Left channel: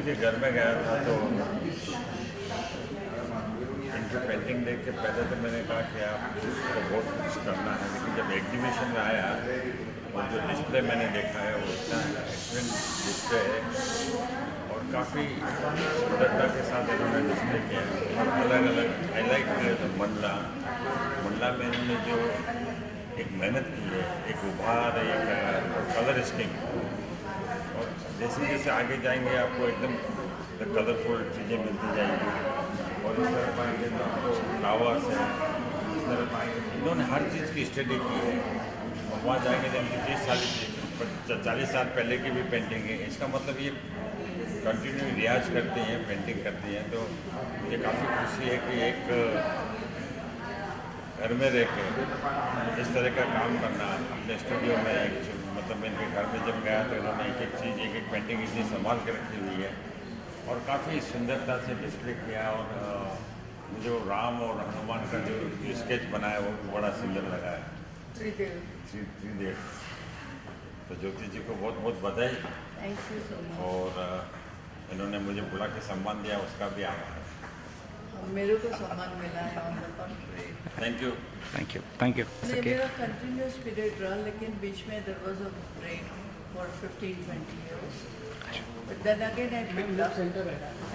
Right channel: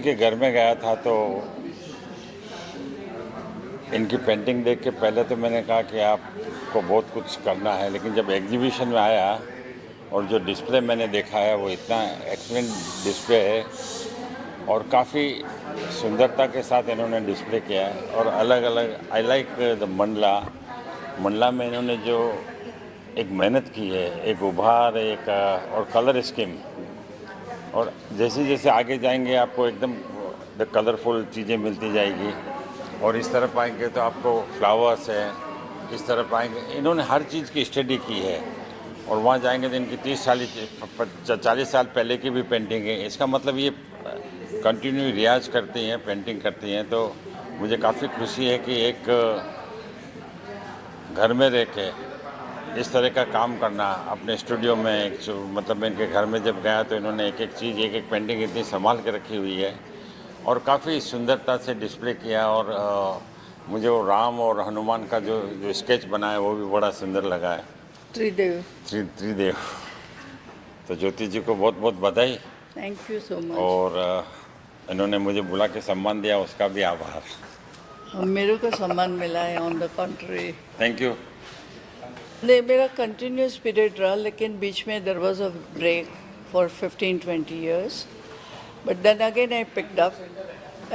जी के घर में गया था तो इनकी पेंटिंग देख के पहले तो मैंने कहा कि आपको बहुत कुछ करना है, लेकिन जब एग्जीबिशन में आया और जो डिस्प्ले मैंने देखा है वो इतना एक्सलेंट डिस्प्ले है और काफ़ी सुंदरता के साथ इन्होंने डिस्प्ले किया है। और अलग अलग I like the Mandla. Mandla में इन्होंने जो एक मेहनत की है, एक उभार, एक और कलर स्कीम, और जैसे जैसे आगे जाएंगे आपको एकदम कलरफुल चीज़ें मिलती जाएगी। और इस तरफ आएंगे तो आपको फ्लावर्स हैं, इस तरफ आएंगे, इन्होंने हर चीज़ की स्टडी की है। और वहाँ जाएंगे तो इनकी 40 साल पहले की भी पेंटिंग है। इसका मतलब ये कंटिन्यू रियाज करती हैं, पेंटिंग करती हैं। तो मुझे काफ़ी खुशी है कि एक घर में रह के इस तरह का काम करना अपने स्टूडियो में, मतलब मैं इनके घर में जब गया तो इन्होंने एक एक चीज़, एक एक पेंटिंग इतनी संभाल के रखी हुई है और काफ़ी सुंदरता से डिस्प्ले किया। और मुझे वो राम और हनुमान का जो स्केच बनाया वो भी बड़ा सुंदर लगा है। त्रिदेव। त्रिदेव। तो ज्योति जी को बहुत बहुत बधाई। Thank you so much. और इन्होंने मुझे बुला के सम्मान दिया, उसका भी आभार। मेरे को सम्मान मिला है, on the country. Thank you. Thank you, thank you. नहीं, मेरा कंटिन्यूस पीरियड रहा, लेकिन बीच में there was a break for 15-20 years. But then again I picked up,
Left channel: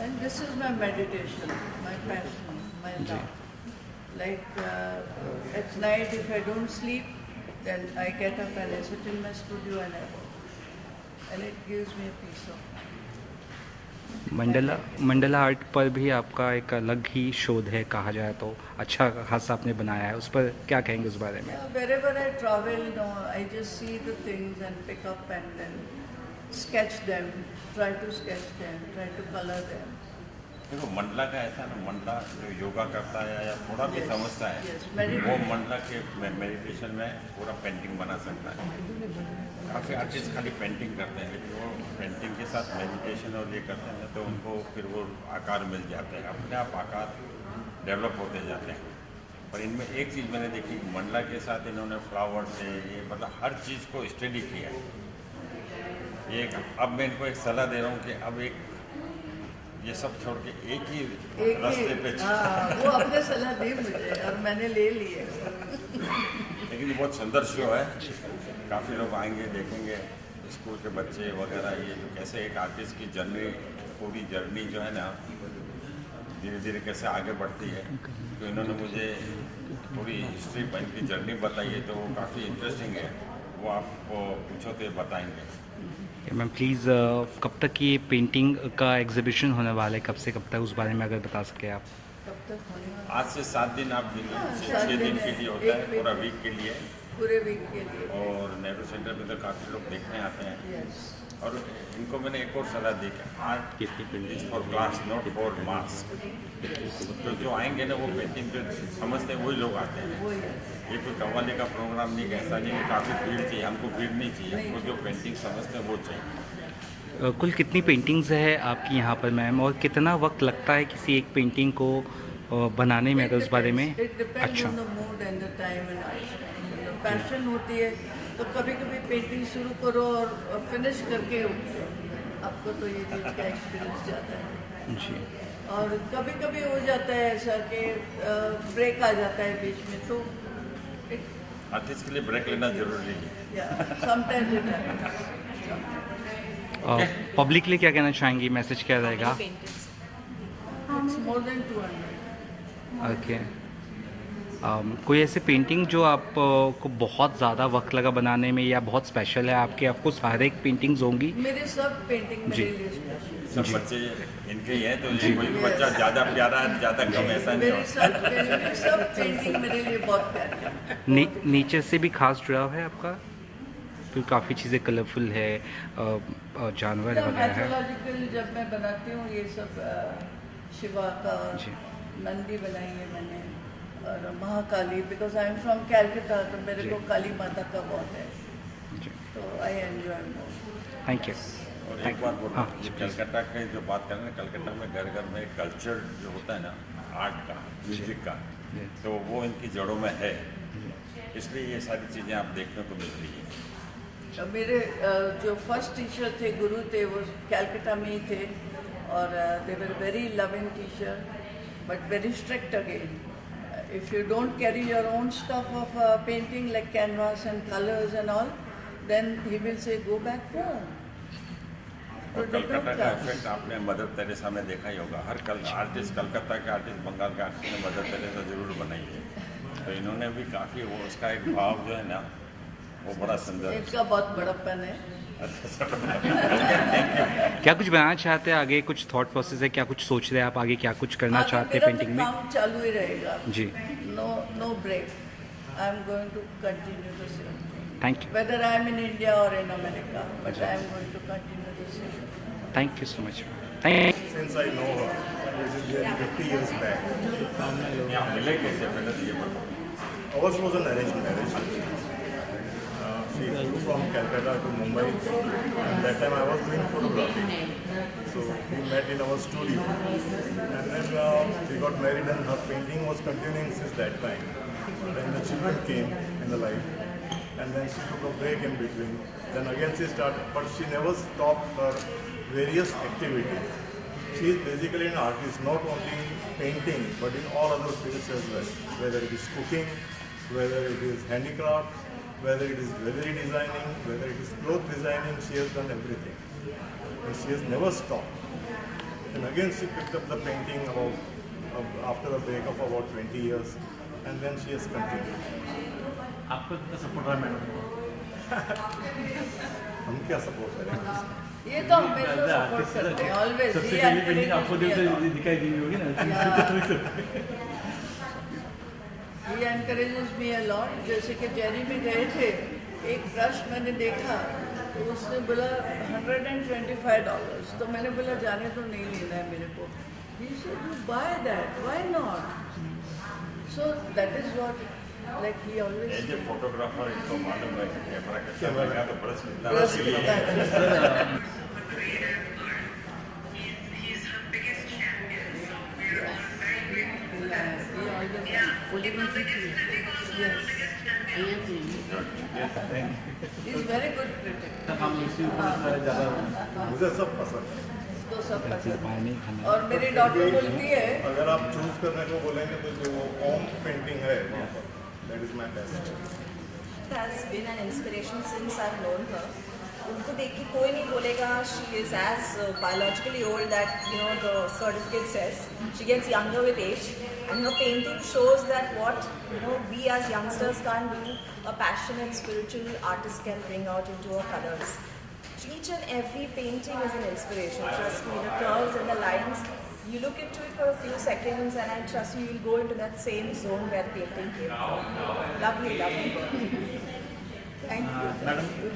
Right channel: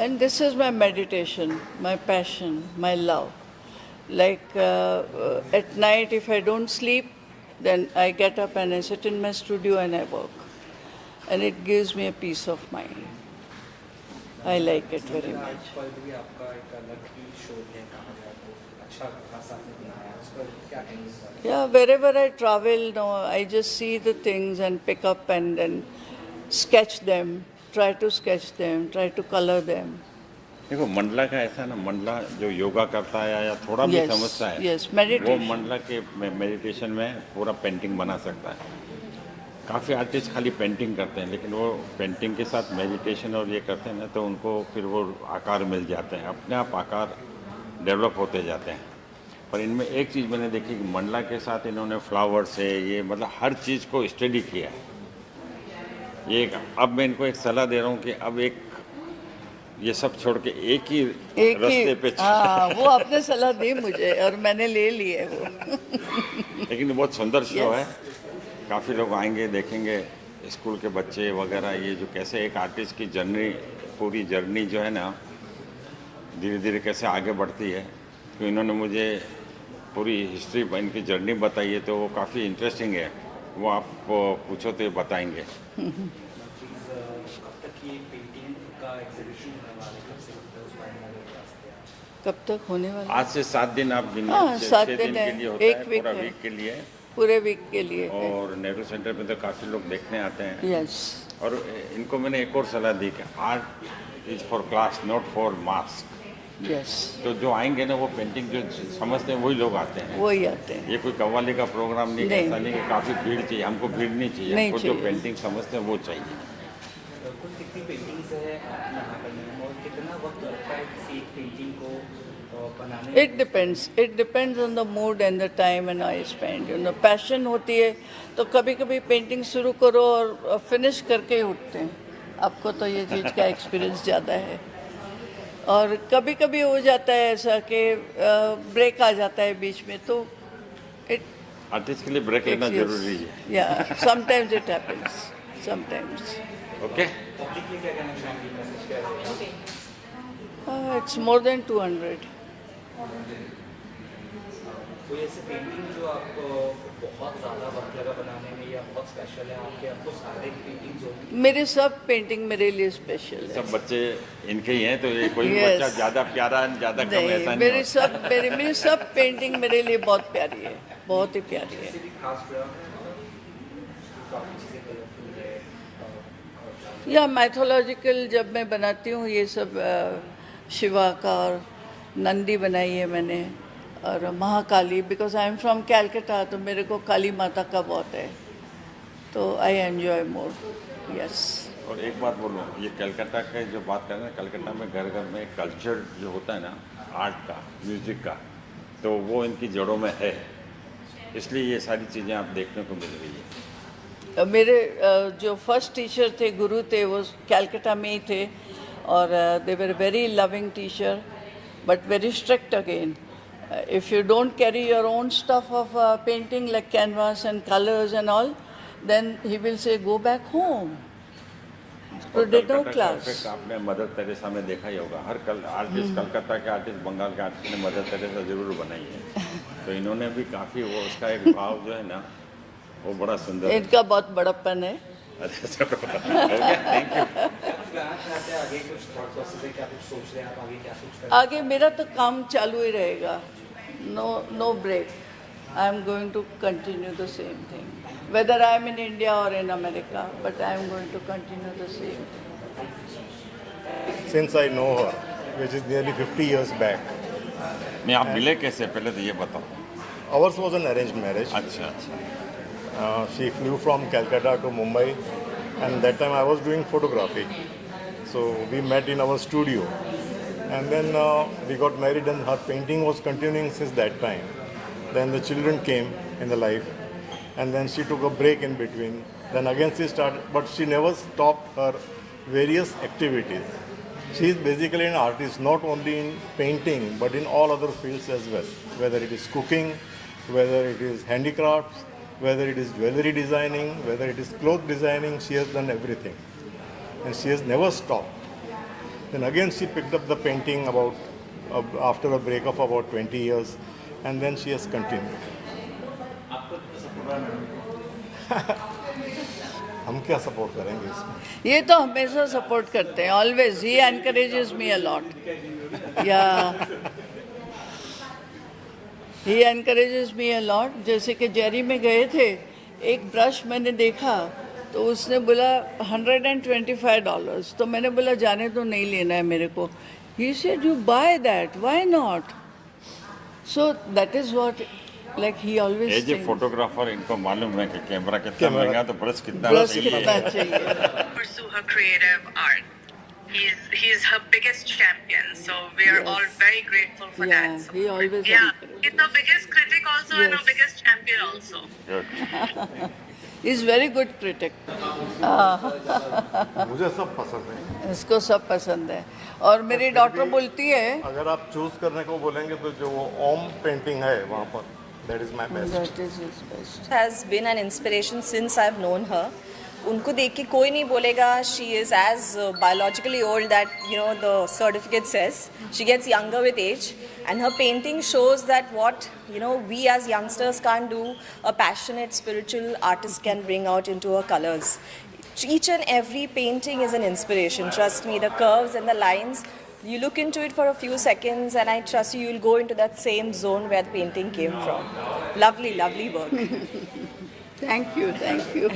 and this is my meditation, my passion, my love. Like at night if I don't sleep, then I get up and I sit in my studio and I work. And it gives me a peace of mind. Mandla art पर भी आपका एक अलग ही शोध है, कहा जाए तो अच्छा खासा आपने बनाया है, उस पर क्या कहेंगे उस बारे में? Yeah, wherever I travel, no, I just see the things and pick up and then sketch them, try to sketch them, try to color them. देखो मंडला का ऐसा ना, मंडला जो योगा करता है या थोड़ा भी समझता है, yes, meditation. वो मंडला के मेडिटेशन में पूरा पेंटिंग बना सकता है। काफ़ी आर्टिस्ट खाली पेंटिंग करते हैं, लेकिन वो पेंटिंग के साथ मेडिटेशन और ये करते हैं ना, तो उनको फिर वो आकार मिल जाते हैं, अपने आप आकार डेवलप होते जाते हैं। पर इनमें एक चीज़ मैंने देखी कि मंडला के साथ इन्होंने फ्लावर्स है, ये मतलब हर चीज़ को स्टडी किया है। ये अब मैं इनको एक सलाह दे रहा हूँ कि अब एक ये सब छोड़ के एक ही रास्ते पे वो आपने सलाह दी मुझे और मैंने ले ली है वो। लेकिन ये बहुत सुंदर शो है, काफ़ी लोग आएंगे, देखेंगे, स्कूल के बच्चे वगैरह, ये जो कैसे एक आर्टिस्ट की जर्नी, पूरी जर्नी जो है ना धीरे धीरे कैसे आगे बढ़ती है। तो इन्होंने मुझे पूरी हिस्ट्री इनकी जर्नी बताई है, तो वो काफ़ी इंटरेस्टिंग है। वो आप पूछो तो बताएंगे। मैम प्लीज़ कब तक ये पेंटिंग का एग्जीबिशन होने वाला है, कब से कब तक, उस बारे में अगर बता सके आप? कब तक होने वाला? आज से 7 दिन आप दिन, 7 दिन दिन के लिए होता एक है, वीक पूरा है। वीक के लिए, पूरे वीक के लिए। और नेहरू सेंटर में तो काफ़ी लोग देखने आते हैं। यस। और इनको मैंने एक और सलाह दी कि art is for class, not for mask. Yes. तो जो आएंगे ना वो पेंटिंग जो समझते हैं वही लोग आते हैं, वही आते हैं। ये कोई कव्वाली का प्रोग्राम नहीं, ऐसा नहीं कि काफ़ी भीड़ चाहिए, हमको भीड़ नहीं चाहिए, नहीं हमको जो चाहिए। पेंटिंग समझते हैं वो चाहिए। कुल कितनी पेंटिंग्स है आपकी यहाँ पर मैम, और कितना वक्त लगता है किसी एक पेंटिंग को बनाने में, अगर उस बारे में? It depends on the mood and the time and I spend. You know, passion होती है तो कभी कभी पेंटिंग शुरू करो और फिनिश करके ही उठते हैं। आपको तो ये चीज़ का एक्सपीरियंस ज़्यादा है। जी। और कभी कभी हो जाता है ऐसा कि ब्रेक आ जाता है बीच में, तो इट आर्टिस्ट के लिए ब्रेक लेना जरूरी है। या sometimes it happens, sometimes. Public के लिए क्या कहना चाहेंगी, मैसेज क्या रहेगा? It's more than 200। ओके। कोई ऐसे पेंटिंग जो आपको बहुत ज़्यादा वक्त लगा बनाने में या बहुत स्पेशल है आपके? आपको सारे पेंटिंग्स होंगी? मेरे सब पेंटिंग मेरे लिए स्पेशल है। सब बच्चे इनके ही हैं, तो ये कोई बच्चा ज़्यादा प्यारा है, ज़्यादा कम ऐसा नहीं। मेरी सब पेंटिंग मेरे लिए बहुत प्यारी है, बहुत ही प्यारी नेचर से भी खास जुड़ाव है आपका? तो काफ़ी चीज़ें कलरफुल है, जानवर या मैथोलॉजिकल जब मैं बनाती हूँ ये सब, शिवा का और नंदी बनाई है मैंने, और Mahakali, because I am from Calcutta, तो मेरे को काली माता का बहुत है, तो I enjoy more. Thank you. और एक बात बोलूँ, ये कलकत्ता के जो बात कर रहे हैं, कलकत्ता में घर घर में कल्चर जो होता है ना, आर्ट का, म्यूजिक का, तो वो इनकी जड़ों में है, इसलिए ये सारी चीज़ें आप देखने को मिल रही है। मेरे जो फर्स्ट टीचर थे, गुरु थे, वो कैलकाटा में ही थे, or they were a very loving teacher, but very strict again. If you don't carry your own stuff of painting like canvas and colors and all, then he will say, go back home. So there's no class. आपने mother Teresa में देखा ही होगा, हर artist Calcutta के artist, Bengal के artist ने mother Teresa जरूर बनाई है। तो इन्होंने भी काफ़ी वो उसका एक भाव जो है ना, वो बड़ा सुंदर है। इनका बहुत बड़प्पन है। क्या कुछ बनाना चाहते हैं आगे, कुछ थॉट प्रोसेस है, क्या कुछ सोच रहे हैं आप आगे, क्या कुछ करना आगे चाहते मेरा हैं तो पेंटिंग में? काम चालू ही रहेगा। जी, No break. I am going to continue the same thing. Thank you. Whether I am in India or in America, but I am going to continue the same. Thank you so much. Thank Since I know her, which is nearly 50 years back, नहीं, आप मिले कैसे, पहले तो ये बताओ। ours was an arranged marriage. अच्छा, She flew from Calcutta to Mumbai, and that time I was doing photography. So we met in our studio, and then we got married, and her painting was continuing since that time. Then the children came in the life, and then she took a break in between. Then again she started, but she never stopped her various activities. She is basically an artist, not only in painting, but in all other fields as well. Whether it is cooking, whether it is handicrafts, whether it is jewelry designing, whether it is cloth designing, she has done everything. And she has never stopped. Then again she picked up the painting after a break of about 20 years, and then she has continued. आपको कितना support रहा madam? हम क्या support करेंगे इसमें? ये तो हमेशा सपोर्ट करते हैं, always he encourages me a lot. दिखाई दी होगी ना? या ही एनकरेजेस मी अ लॉट। जैसे कि जेरी में गए थे, एक ब्रश मैंने देखा तो उसने बोला $125, तो मैंने बोला जाने तो नहीं लेना है मेरे को। He said you buy that, why not? So that is what, like he always as a photographer इनको मालूम है कि कैमरा कितना महंगा, तो ब्रश कितना प्लस चाहिए। कितना चाहिए। pursue her creative art. He's her biggest champion, so we are all very grateful for Yeah, that. he always Yeah, encourages he's our biggest critic also and our Yes. biggest champion also. He is very good critic. मुझे सब पसंद है। इसको सब पसंद है। और मेरी डॉटर बोलती है अगर आप चूज करने को बोलेंगे तो जो वो ओम पेंटिंग है वहाँ पर, that is my best. that is his best. has been an inspiration since I've known her. उनको देख के कोई नहीं बोलेगा she is as biologically old that you know the certificate says. She gets younger with age, and her painting shows that what you know we as youngsters can't do, a passionate spiritual artist can bring out into her colors. Each and every painting is an inspiration. Trust me, the curves and the lines. You look into it for a few seconds, and I trust you, you'll go into that same zone where the painting came from. Lovely, lovely work. Thank you, thank you.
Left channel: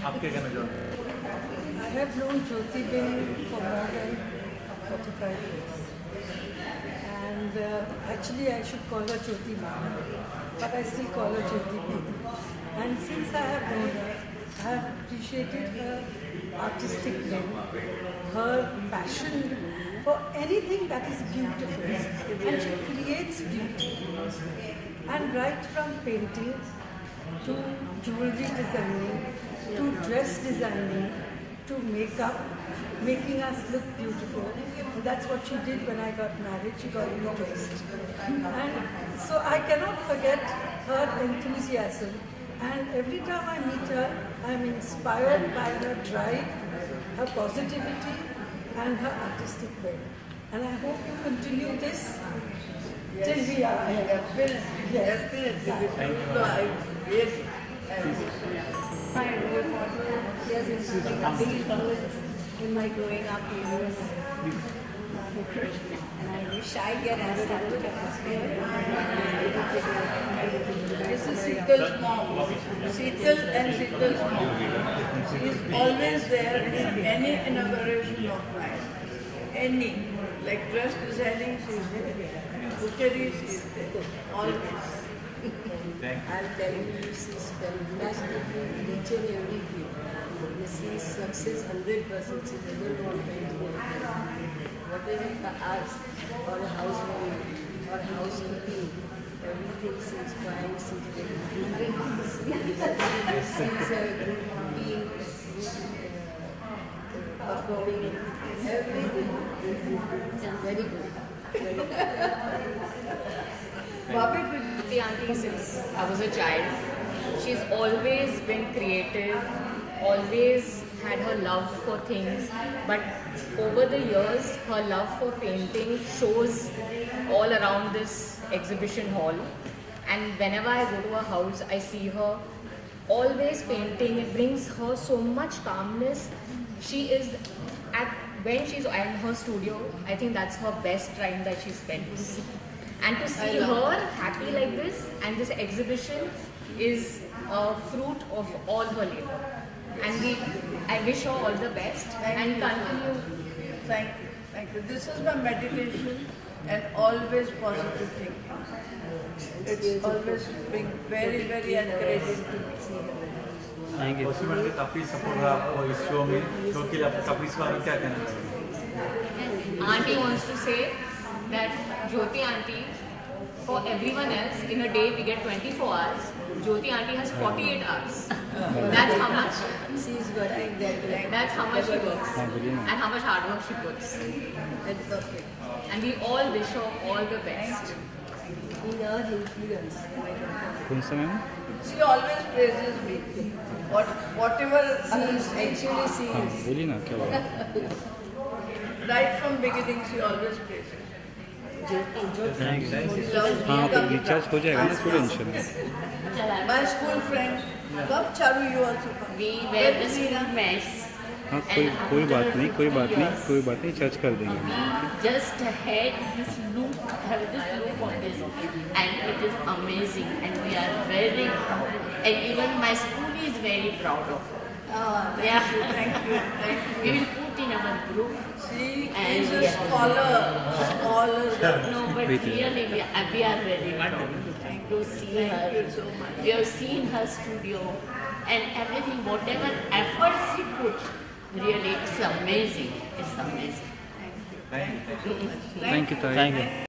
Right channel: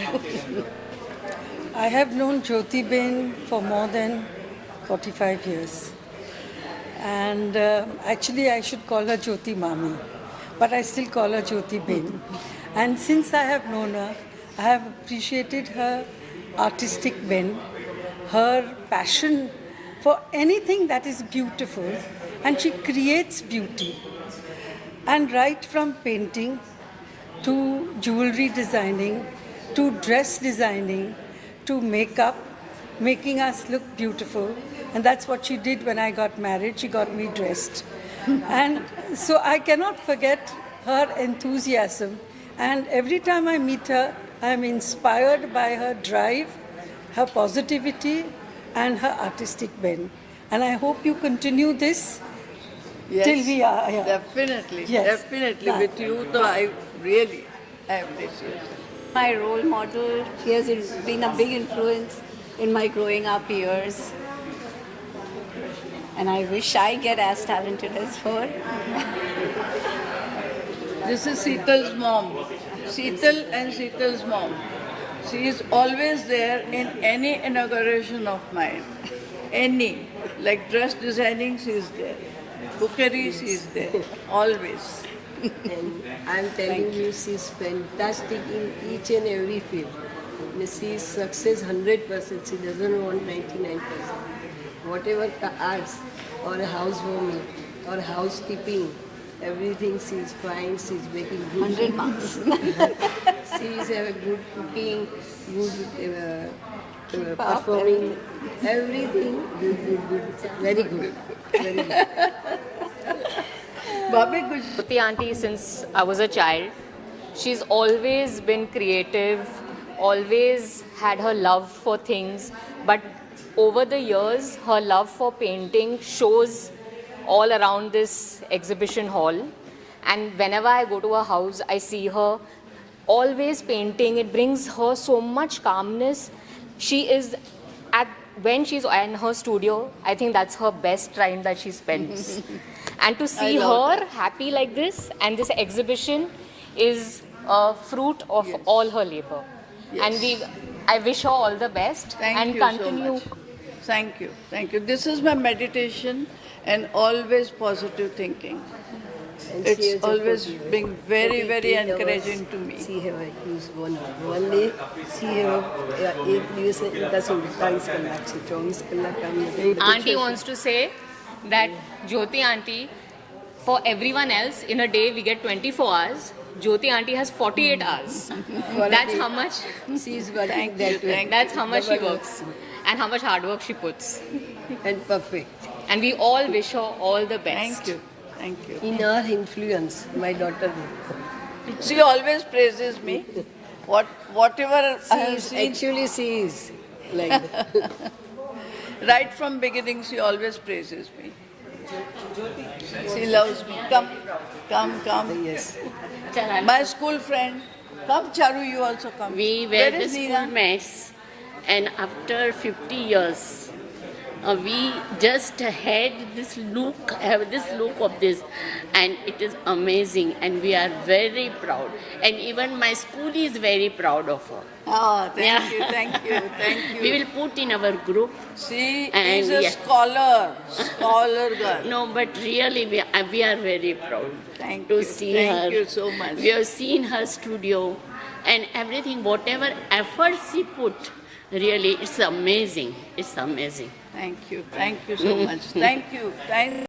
I have known Jyoti Ben for more than 45 years. And actually, I should call her Jyoti Mami, but I still call her Jyoti Ben. And since I have known her, I have appreciated her artistic bent, her passion for anything that is beautiful, and she creates beauty. And right from painting to jewelry designing, to dress designing, to makeup, making us look beautiful. And that's what she did when I got married. She got me dressed. And so I cannot forget her enthusiasm. And every time I meet her, I'm inspired by her drive, her positivity, and her artistic bent. And I hope you continue this till we are here. Definitely, Yes. definitely. With you, so I really appreciate it. My role model, he has been a big influence in my growing up years. And I wish I get as talented as her. This is Seetal's mom. Seetal and Seetal's mom. She is always there in any inauguration of mine. Any. Like dress designing, she is there. Cookery, she is there. Always. And I'm telling you, she's fantastic in each and every field. She's success 100%. She doesn't want 99%. Whatever the arts or a housewoman or housekeeping, everything she's fine. She's making good. 100 marks. She's a good cooking, good performing, everything. Very good. Very good. Bhabhi, kuch Jyoti auntie, since I was a child, she's always been creative, always had her love for things, but over the years, her love for painting shows all around this exhibition hall. And whenever I go to her house, I see her always painting. It brings her so much calmness. She is when she's in her studio, I think that's her best time that she spends. And to see her happy like this, and this exhibition is a fruit of all her labor. And I wish her all the best and you continue. so much. Thank you. Thank you. This is my meditation and always positive thinking. And she It's has a always been very, very encouraging to me. See her use one day. See her एक દિવસે પાછું 22 કલાક છે 24 કલાક કામ કરે. Auntie wants to say that Jyoti auntie, for everyone else, in a day we get 24 hours. Jyoti auntie has 48 hours. That's how much. She is working that way. That's how much she works and how much hard work she puts. And perfect. And we all wish her all the best. Thank you. Thank you. In her influence, my daughter. She always praises me. Whatever I have seen, Actually, she is like right from beginning, she always praises me. She loves me. Come, come. My school friend. Come, Charu, you also come. We Where were the is school Neha? mess, and after 50 years, we just had this look, have this look of this, and it is amazing, and we are very proud. And even my school is very proud of her. Ah, thank Yeah. you, thank you, thank you. We will put in our group. She And is a yeah. scholar girl. No, but really we are very proud Thank to you. see Thank her. you so much. We have seen her studio and everything, whatever effort she put, really, it's amazing. It's amazing. Thank you so much. Thank you. Thank